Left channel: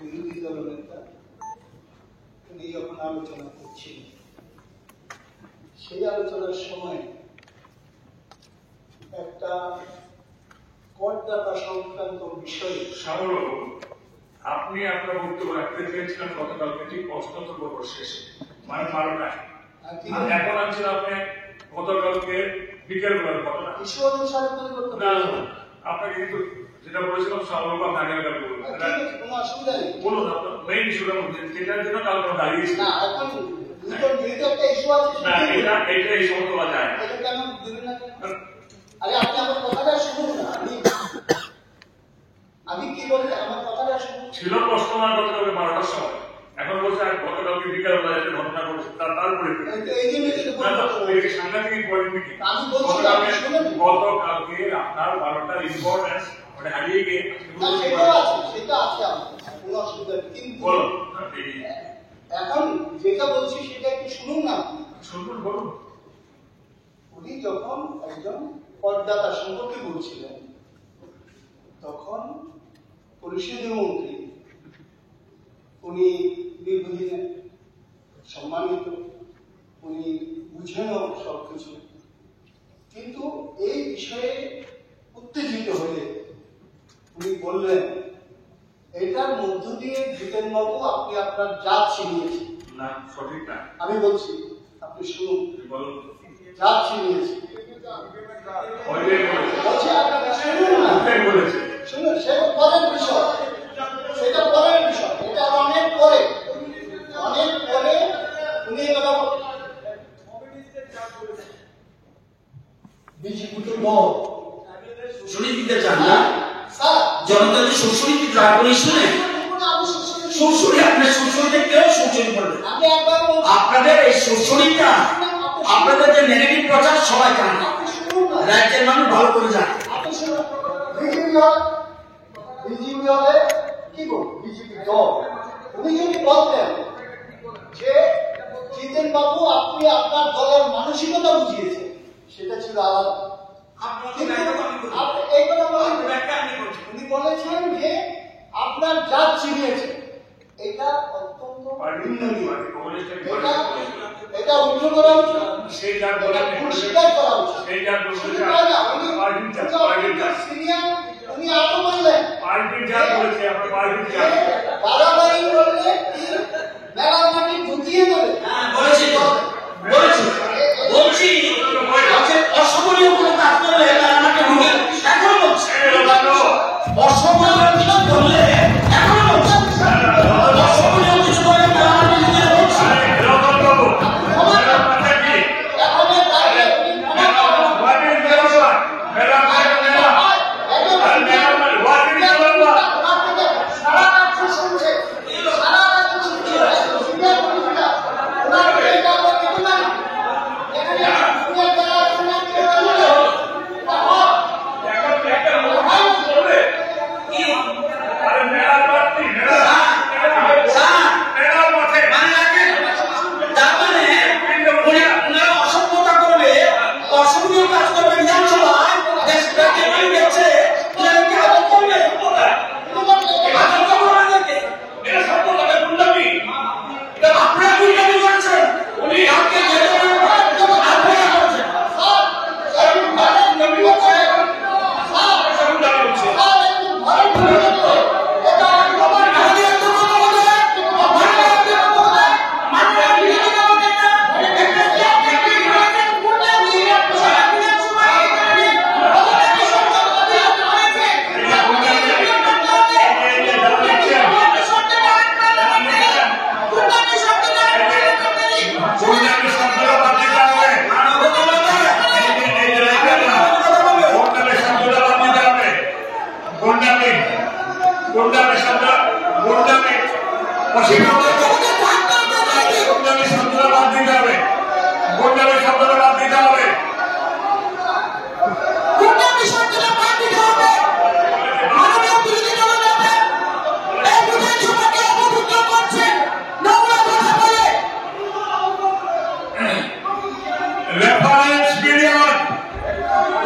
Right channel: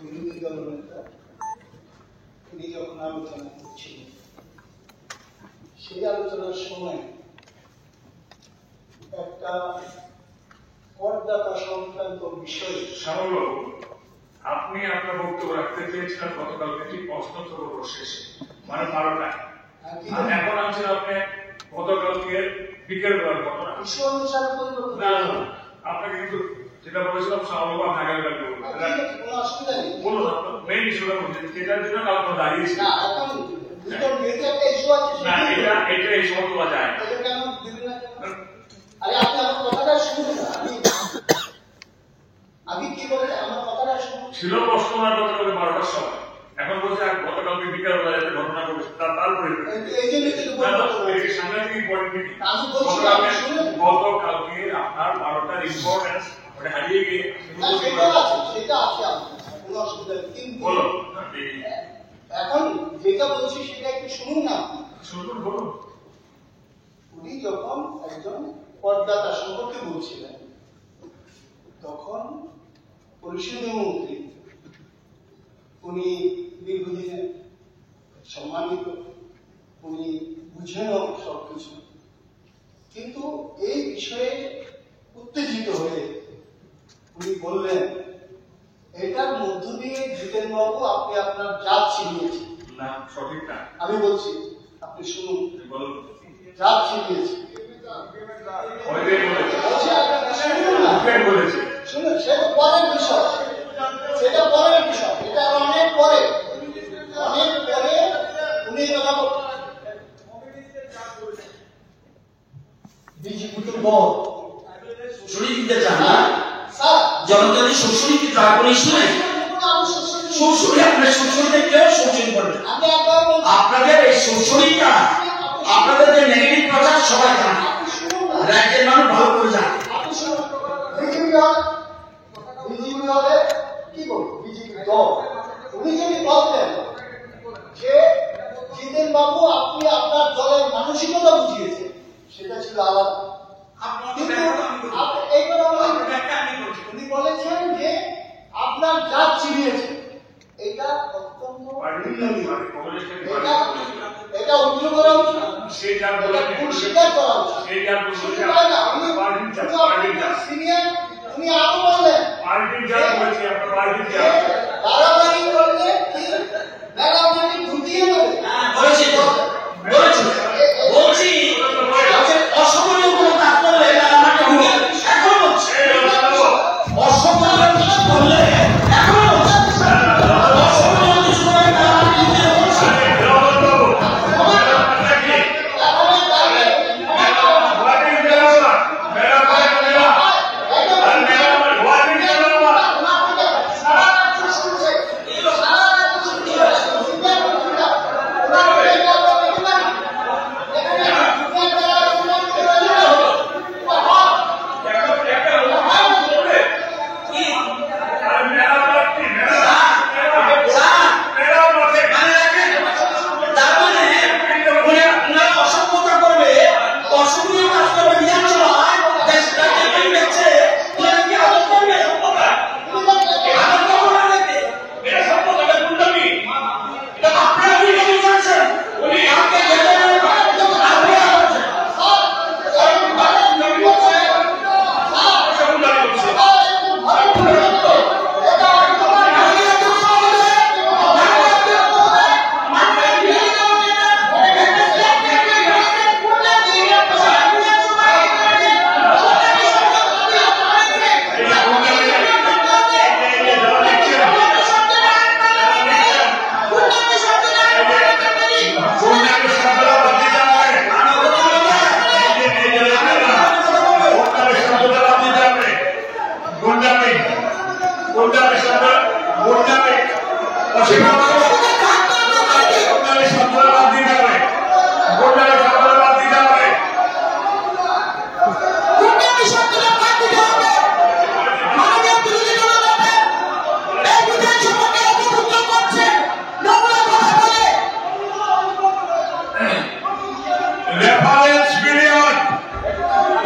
বিরোধী দলনেতা উনি যখন আলোচনা করছিলেন, সেই আলোচনার সময় একটা করদাতা সংক্রান্ত বিষয়ে শ্যামলবাবু, আপনি আপনার বক্তব্য রাখতে চেয়েছিলেন গতকালকে ঠিক অষ্টতর শেষে, মানে 12টায়। এখন আছেন আপনি গতকালকে বিকেল বেলার কথা। ইস্যু অনুসারে পরিবর্তন না, আপনাকে কিন্তু যেটা বলেছিলাম শ্যামলবাবু আপনি আগামীকাল বলবেন। কোনো অসুবিধা নেই, বলুন আপনার মেইন ইস্যুটার মধ্যে যেটার জন্য কাল আমরা দাঁড়িয়েছি। না এখন যেহেতু একটা ইস্যু আছে না, এটা এই সময় তোলা যায় না। এটা কেন দিবেন না? আরে আপনি আমার কথাটা শুনুন না, আমি কি বলতে আমার কথাটা শুনুন। ছিল প্রশ্ন না গতকালকে 12টার সময়, এখন বলছে গতকালকে বিকেল বেলা যে ঘটনা ঘটেছে তারপরে এই জন্য কিন্তু সাংঘাতিক ইম্পর্টেন্ট মিটিং। আমি বলছি গতকালকে আপনার 12টার ইম্পর্টেন্স হারিয়ে গিয়ে সেটা আছে কোনো অসুবিধা নেই, কিন্তু বলো এখন যেটা বলছি সেটা একটু শুনুন না। শুনুন, বলুন। উনি যখন একজন করদাতা সম্পর্কে বলছিলেন, তখন পরিষদীয় মন্ত্রী, উনি দীর্ঘদিনের সম্মানিত, উনি বুঝেন সবকিছু, কিন্তু এই বিষয়ে উত্তেজিত হয়ে উনি বললেন, এটার মধ্য দিয়ে জিতেনবাবু আপনি আপনার জাত ছিনিয়েছেন। না, সঠিক না। আমি বলছি, আপনি শুনুন, বলুন। জাত ছিনিয়েছে শুনুন, সেটা পরের বিষয়, সেটা পরের বিষয়, এটা অনেক পরে উনি বিজেপি তো বল শুনে দিতে চান না জনতা যদি শ্বশুরিতে ড্রাগন শুনে শ্বশুরি আপনার শ্বশুরিতে কেউ শ্বশুরি করবে। আপনাদের এই শ্বশুরিটা আপনাদের যে নেগেটিভ প্রচার সবাই জানে, রাজ্যের মানুষ ভালো করে জানে। বিজেপি হলে কি করবো, বিজেপি দল উনি যদি বলতেন যে জিতেন বাবু আপনি আপনার দলের মানসিকতা বুঝিয়েছেন, সেটা ছিল আলাদা। উনি বলেছেন যে আপনার জাত চিনিয়েছে, এটা অত্যন্ত এটা উজ্জ্ব করা উচিত, পরিষ্কার করা উচিত। উনি আরো বললেন বাড়াবাড়ি করলে মেলামাটি ঢুকিয়ে দেবে। বলছি অসময় কোনো কাজ করলে আমাকে এখন হচ্ছে অসময় কাজ করলে এখন হচ্ছে এখন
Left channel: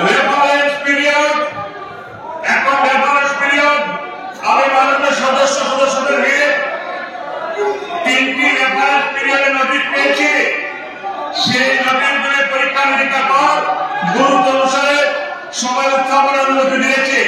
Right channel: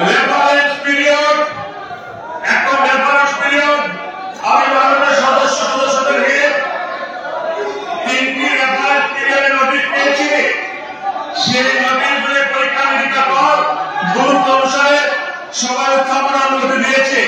রেফারেন্স পিরিয়ড। আমি মাননীয় সদস্যদের নিয়ে কি রেফারেন্স পিরিয়ডের নোটিশ পেয়েছি, সেই নোটিশগুলো পরীক্ষা নিরীক্ষা কর গুরুত্ব অনুসারে সবাই উত্থাপনের অনুমতি দিয়েছে।